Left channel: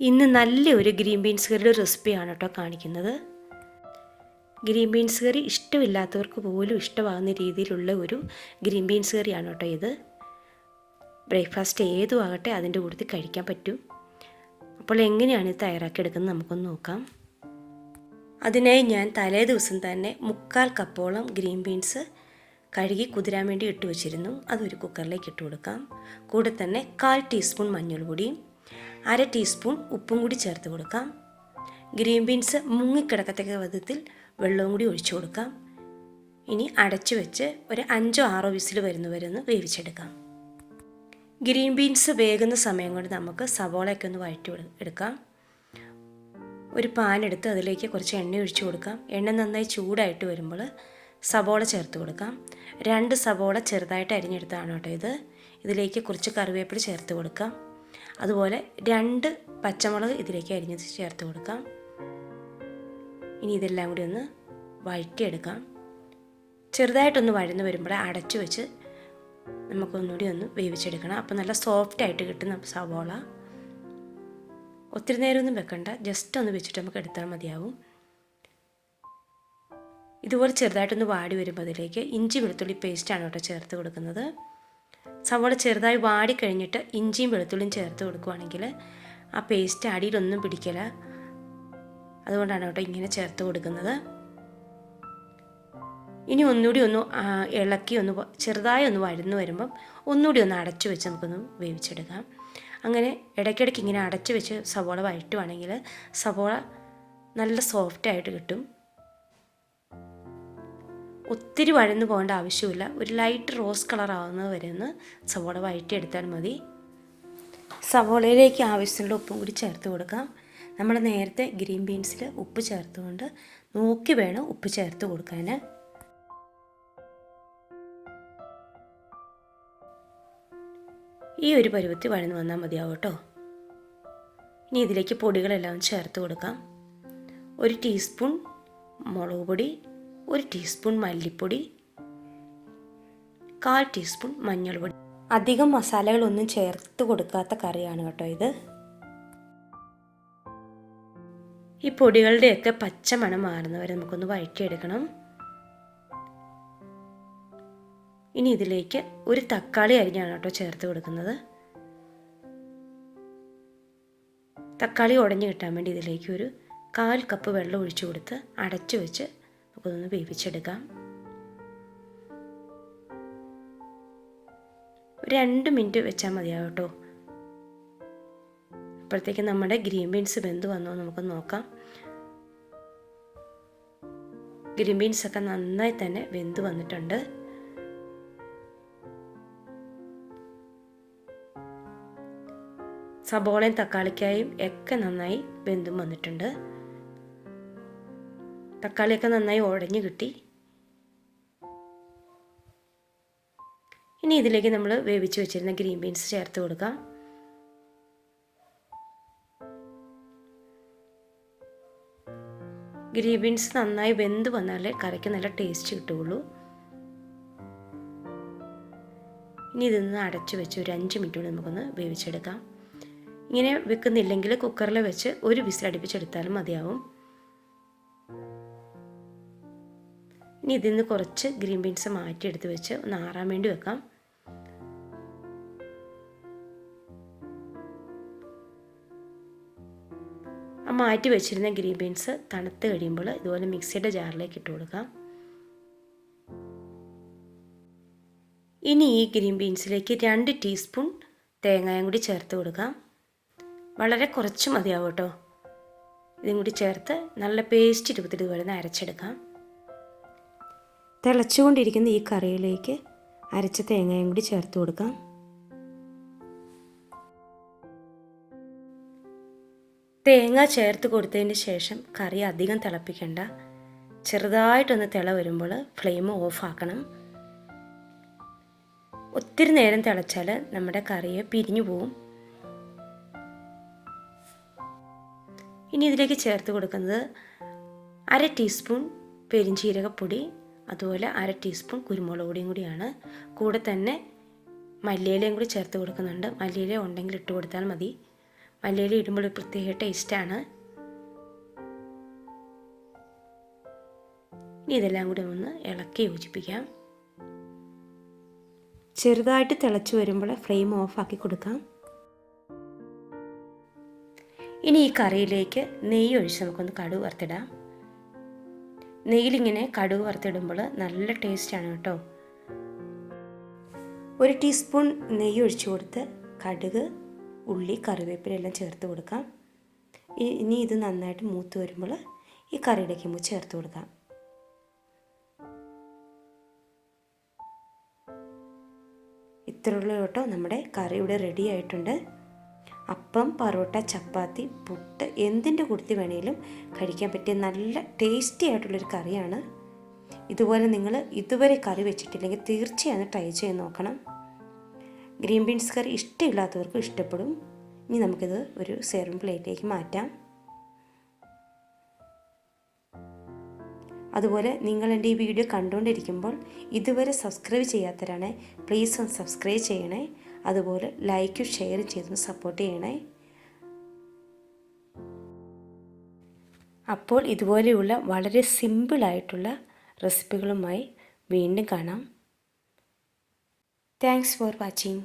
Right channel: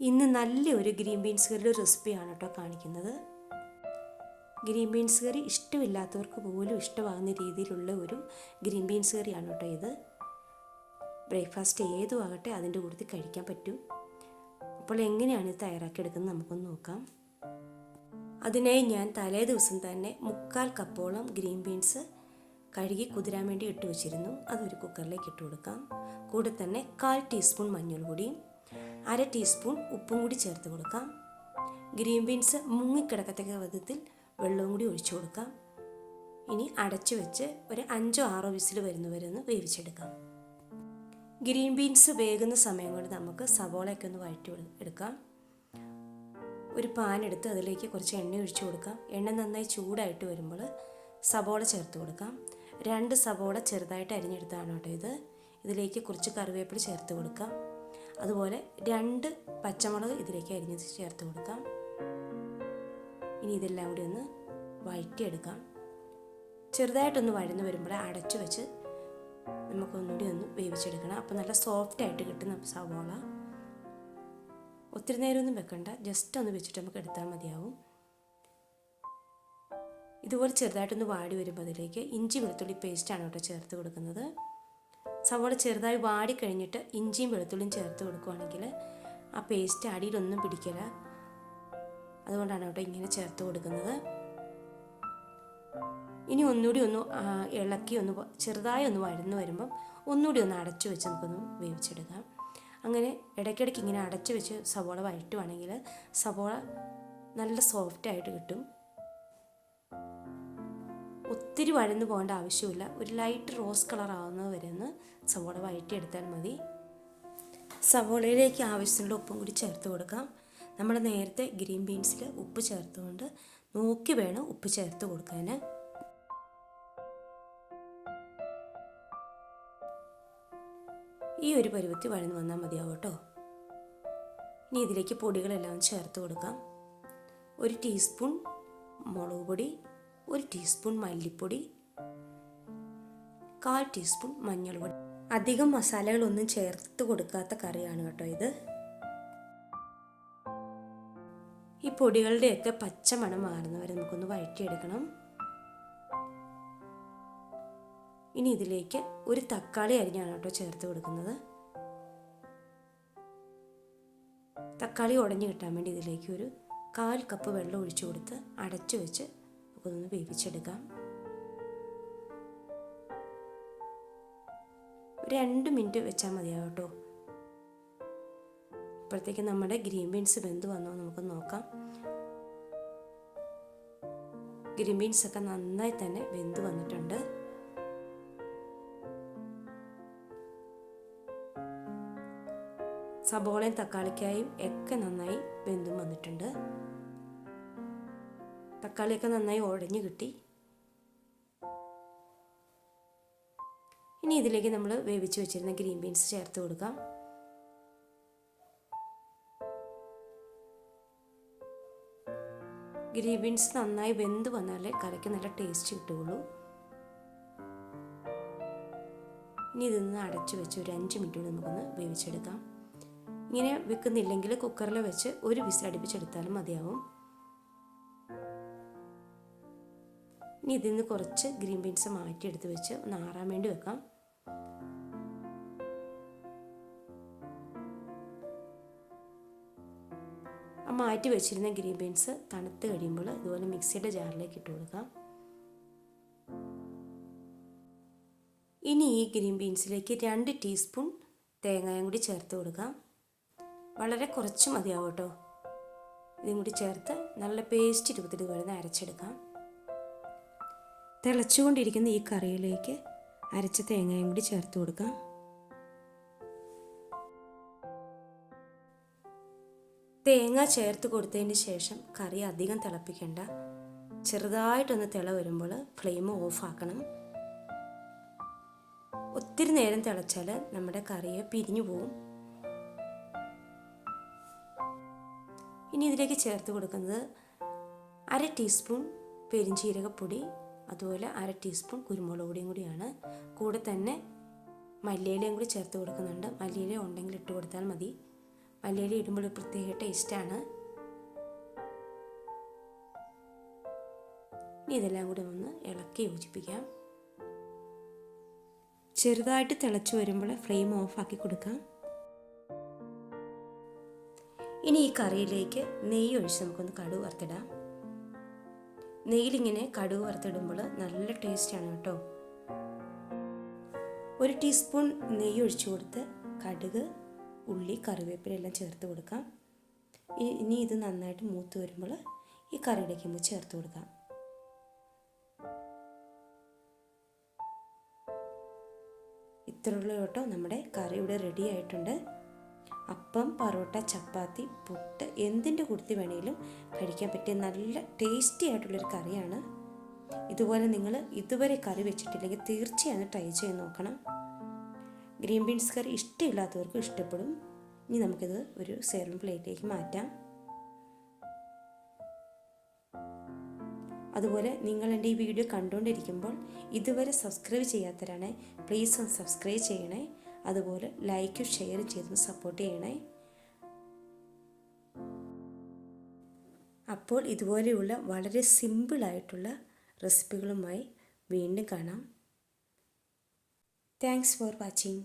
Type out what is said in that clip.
ഇന്ന് നല്ലൊരു green beans കറിയുടെ റെസിപ്പിയാണ് കേട്ടോ കാണിക്കുന്നത്. ഗ്രീൻ ബീൻസ് കറി ഇഷ്ടമില്ലാത്തവർക്ക് പോലും ഇഷ്ടമാകുന്ന രീതിയിലുള്ള ഒരു ഗ്രീൻ ബീൻസ് കറിയാണ് കേട്ടോ ഇത്. ബ്രേക്ക്ഫാസ്റ്റ് ഏതും ആകട്ടെ അതിന്റെ കൂട്ടത്തിൽ കഴിക്കാൻ പറ്റും. അപ്പോൾ എങ്ങനെയാണ് ഇത് തയ്യാറാക്കിയെടുക്കുന്നത് നമുക്കൊന്ന് നോക്കാം. അതിനായി ഞാൻ തലേ ദിവസം തന്നെ മുക്കാൽ കപ്പോളം ഗ്രീൻ ബീൻസ് കഴുകി കുതിരാൻ വേണ്ടി ഇട്ട് വെച്ചിരുന്നു. അതൊരു കുക്കറിലേക്ക് ഇട്ട് കൊടുക്കാം. കൂടെ തന്നെ കാൽ ടീസ്പൂൺ മഞ്ഞൾപ്പൊടിയും അര ടീസ്പൂൺ ഉപ്പും കൂടി ചേർത്ത് കൊടുക്കാം. ഗ്രീൻ ബീൻസ് മുങ്ങിക്കിടക്കത്തക്ക വിധത്തിൽ വെള്ളവും കൂടി ഒഴിച്ചു കൊടുക്കാം. ഇനി അടച്ചു വെച്ച് ഒരു അഞ്ചോ ആറോ വിസിൽ വരുന്നവരെ ഒന്ന് വേവിച്ചെടുക്കാം. ഗ്രീൻ ബീൻസ് വേകുന്ന സമയം കൊണ്ട് നമുക്ക് സവോളയൊക്കെ ഒന്ന് വഴറ്റി എടുക്കാം. ഒരു പാൻ എടുത്ത് അതിലേക്ക് കുറച്ച് എണ്ണ ഒഴിച്ചു കൊടുക്കാം. എണ്ണ നന്നായി ചൂടായിട്ട് വരുമ്പോൾ സവോള ചേർത്ത് കൊടുക്കാം. രണ്ട് സവോള ചെറുതായിട്ട് അരിഞ്ഞെടുത്താണ് കേട്ടോ ഇത്. ഇതിലേക്ക് കുറച്ച് കറിവേപ്പില ചേർത്ത് കൊടുക്കാം. അതുപോലെ രണ്ട് പച്ചമുളക് ഇതിലേക്ക് അരിഞ്ഞത് ചേർത്ത് കൊടുക്കാം. ഇനി ഇതെല്ലാം കൂടി ഒന്ന് വഴറ്റിയെടുക്കാം. ചെറുതായിട്ടൊന്ന് വഴന്ന് വരുമ്പോൾ അടച്ചു വെച്ച് നമുക്കൊന്നുകൂടി ഒന്ന് വേവിച്ചെടുക്കണം. അപ്പോൾ നല്ല സോഫ്റ്റ് ആയിട്ട് കിട്ടുന്ന സവോള. ഒത്തിരി നേരമൊന്നും വെക്കണ്ട. ജസ്റ്റ് ഒന്ന് വെച്ചിട്ട് നമുക്ക് എടുത്താൽ മതിയാവും. ഇതുപോലെ ചെറുതായിട്ടൊന്ന് വാടി വരുമ്പോൾ അതിലേക്ക് ഇഞ്ചി വെളുത്തുള്ളി പേസ്റ്റാണ് കേട്ടോ ചേർത്ത് കൊടുക്കുന്നത്. സവോള ചെറുതായി വാടി കഴിഞ്ഞിട്ട് ഇഞ്ചിയും വെളുത്തുള്ളിയും ചേർത്ത് കൊടുക്കുവാണെങ്കിൽ ആ പേസ്റ്റ് അടിയിലൊന്നും പിടിക്കില്ല. അതുകൊണ്ടാണ് കേട്ടോ ഇങ്ങനെ ചേർത്ത് കൊടുക്കുന്നത്. ഇനി ഒന്നുകൂടി ഒന്ന് ഇളക്കി ഒന്ന് ചെറുതായി ഒന്ന് വഴന്നു വരുമ്പം ഒന്നുകൂടി ഒന്ന് അടച്ചു വെച്ച് നമുക്കൊന്ന് വേവിച്ചെടുക്കാം. അങ്ങനെ ഇടയ്ക്കിടയ്ക്ക് ഇങ്ങനെ അടച്ചു വെച്ച് സവോള വഴറ്റുവാണെങ്കിൽ സവോള നല്ല സോഫ്റ്റായിട്ട് കിട്ടും. ഒത്തിരി വഴന്നു പോകേണ്ട ആവശ്യമില്ല. ഒരു ലൈറ്റ് റോസ് കളർ ആവുന്നത് വരെ ഒന്ന് സവോള വഴറ്റിയെടുത്താൽ മതി. സവോളയിലേക്ക് ആവശ്യമുള്ള ഉപ്പും കൂടി ചേർത്ത് കൊടുക്കാം. നമ്മൾ നേരത്തെ ഗ്രീൻ ബീൻസിൽ ഉപ്പ് ചേർത്തുകൊണ്ട് നോക്കി വേണം ഉപ്പ് ചേർത്ത് കൊടുക്കാൻ ഈ ഒരു പരുവത്തിൽ വഴന്ന് വന്നാൽ മതിയാവും കേട്ടോ. ഇനി ഇതിലേക്ക് പൊടികളെല്ലാം ചേർത്ത് കൊടുക്കാം. ഒരു ടീസ്പൂൺ മുളക് പൊടി ഒരു ടീസ്പൂൺ മല്ലിപ്പൊടി കാൽ ടീസ്പൂൺ മഞ്ഞൾപ്പൊടി. അധികം മസാലകളൊന്നും ചേർത്ത് കൊടുക്കാത്ത കറിയാണ് കേട്ടോ ഇത്. ഈ പൊടികളുടെയൊക്കെ പച്ച മണം മാറുന്നവരെ നമുക്കൊന്ന് വഴറ്റിയെടുക്കണം. ഇനി ഇതിലേക്ക് ഒരു തക്കാളി അരിഞ്ഞാണ് കേട്ടോ ചേർത്ത് കൊടുക്കുന്നത്. തക്കാളി ഉടഞ്ഞു കിട്ടാൻ വേണ്ടി ഇതിലേക്ക് ഒരു കാൽ കപ്പ് വെള്ളം ഒഴിച്ചു കൊടുത്ത് അടച്ചു വെച്ച് നമുക്കൊന്ന് വേവിച്ചെടുക്കാം. രണ്ട് മിനിറ്റ് വെച്ചാൽ മതിയാവും കേട്ടോ. അപ്പോഴത്തേക്ക് നമ്മുടെ ഗ്രീൻ ബീൻസ് വെന്ത് വന്നോ. നമുക്ക് നോക്കാം. ഗ്രീൻ ബീൻസ് ഒക്കെ നന്നായി തന്നെ വെന്ത് വന്നിട്ടുണ്ട്. സബോളയും തക്കാളിക്കായും ഒക്കെ നന്നായി വെന്തും വന്നിട്ടുണ്ട്. തക്കാളിയൊക്കെ നന്നായി ഉടഞ്ഞു കിട്ടി. ഇനി ഇതിലേക്ക് നമ്മൾ വേവിച്ച് വെച്ചിരുന്ന ഗ്രീൻ ബീൻസ് ചേർത്ത് കൊടുക്കാം. ഗ്രീൻ ബീൻസ് നന്നായി വെന്ത് വന്നാലേ കറിക്ക് നല്ല ടേസ്റ്റ് കിട്ടുകയുള്ളൂ. ഇനി ഇതൊന്ന് അടച്ചു വെച്ച് ഒരു അഞ്ച് മിനിറ്റ് കൂടി നമുക്കൊന്ന് വേവിച്ചെടുക്കാം. ഇങ്ങനെ വെക്കുന്നില്ലെങ്കിൽ കുക്കറിൽ വെച്ച് ഒരു വിസിൽ അടുപ്പിച്ചെടുത്താലും മതിയാവും. ഇനി ഇതിൽ നിന്ന് കുറച്ച് ഗ്രീൻ ബീൻസ് മാറ്റിയെടുത്ത് വെച്ച് ഒന്ന് ആറാൻ വേണ്ടി വെക്കാം. ആ മാറ്റി വെച്ചിരുന്ന ഗ്രീൻ ബീൻസ് തണുത്ത് കഴിയുമ്പോൾ ഇതുപോലെ മിക്സിയുടെ ജാറിലേക്ക് ഇട്ട് കൊടുക്കാം. ഇനി ഈ ഗ്രീൻ ബീൻസിലേക്ക് രണ്ട് ടീസ്പൂൺ തേങ്ങയും കൂടി ചേർത്ത് കൊടുക്കാം. വളരെ കുറച്ച് മതിയാവും കേട്ടോ. ഇതും കൂടി ചേർത്ത് നല്ല പേസ്റ്റ് രൂപത്തിൽ ഇതുപോലെ അരച്ചെടുക്കാം. തിളച്ചുകൊണ്ടിരിക്കുന്ന ഈ കറിയിലേക്ക് അരച്ച തേങ്ങയും കൂടി ചേർത്ത് കൊടുക്കാം. തേങ്ങ ചേർത്ത് കൊടുത്തതിന് ശേഷം കറി അധികം തിളപ്പിക്കണ്ട. ചെറുതായിട്ടൊന്ന് തിള വരുമ്പോൾ ഫ്ലെയിം ഓഫാക്കണം ഒത്തിരി നേരം തിളച്ചാൽ നമ്മുടെ കറിയെ പിരിഞ്ഞു പോവും. ഇനി ഇതിലേക്ക് ചേർത്ത് കൊടുക്കുന്നത് അര ടീസ്പൂൺ പെരിഞ്ചീരകപ്പൊടി അതുപോലെ അര ടീസ്പൂൺ കുരുമുളക് പൊടിയും കൂടിയാണ്. കൂടെ തന്നെ മല്ലിയിലയും കൂടി ചേർത്ത് കൊടുക്കുന്നുണ്ട്. മല്ലിയില ഉണ്ടെങ്കിൽ ഇട്ട് കൊടുത്താൽ മതി. മല്ലിയില ഇടുമ്പോൾ ഒരു പ്രത്യേക ടേസ്റ്റാണ് ഇനി ഇതെല്ലാം കൂടി ഒന്ന് ഇളക്കി യോജിപ്പിക്കാം. ചെറുതായിട്ട് തിളച്ച് വരുമ്പോൾ ഫ്ലെയിം ഓഫാക്കി കൊടുക്കാം. ഇനി ഈ കറിയിലേക്ക് നെയ്യ് ഒഴിച്ച് നമുക്കൊന്ന് കടുക് വറുത്തിടാം നെയ്യിലിങ്ങനെ കടുക് വറുത്തിടുമ്പോൾ നല്ല ടേസ്റ്റാണ് കേട്ടോ. ഒരു ടീസ്പൂൺ നെയ്യ് ഒഴിച്ചു കൊടുത്ത് കടുക് ഉള്ളി കറിവേപ്പില എല്ലാം ചേർത്ത് കൊടുക്കാം. ഇനി ഇത് നന്നായിട്ട് മൂത്ത് വരുമ്പോൾ ഈ കറിയിലേക്ക് നമുക്ക് ചേർത്ത് കൊടുക്കാം. ഇത്രയുള്ള കേട്ടോ. നമ്മുടെ കറി ഇവിടെ റെഡി ആയിട്ടുണ്ട്. അപ്പം പറോട്ട ചപ്പാത്തി പുട്ട് എന്തിന്റെ കൂട്ടത്തിൽ വേണേലും കഴിക്കാൻ പറ്റിയ നല്ല ടേസ്റ്റി ആയിട്ടുള്ളൊരു കറിയാണ്. ഇതുപോലെ നിങ്ങൾ ഇതുവരെ കറി വെച്ചിട്ടില്ലെങ്കിൽ തീർച്ചയായും ട്രൈ ചെയ്ത് നോക്കണം. ഗ്രീൻ ബീൻസ് കറി ഇഷ്ടമില്ലാത്തവർക്കും ഇഷ്ടപ്പെടും. ഇനി നമുക്കിത് ഒരു സെറും പ്ലേറ്റിലേക്ക് മാറ്റാം. അതുപോലെ നിങ്ങൾ എന്റെ ഈ വീഡിയോ കണ്ടുകൊണ്ടിരിക്കുമ്പോൾ ഇതുവരെ സബ്സ്ക്രൈബ് ചെയ്യാത്തവരാണെ പ്ലീസ് ഒന്ന് സബ്സ്ക്രൈബ് ചെയ്യണേ. അതുപോലെ ലൈക്കും ഷെയറും ചെയ്തൊന്ന് സപ്പോർട്ട് ചെയ്യണേ. അപ്പോൾ ഇതുപോലെയുള്ള വളരെ സിമ്പിളായിട്ടുള്ള റെസിപ്പികളുമായി വീണ്ടും കാണാം. Thanks for watching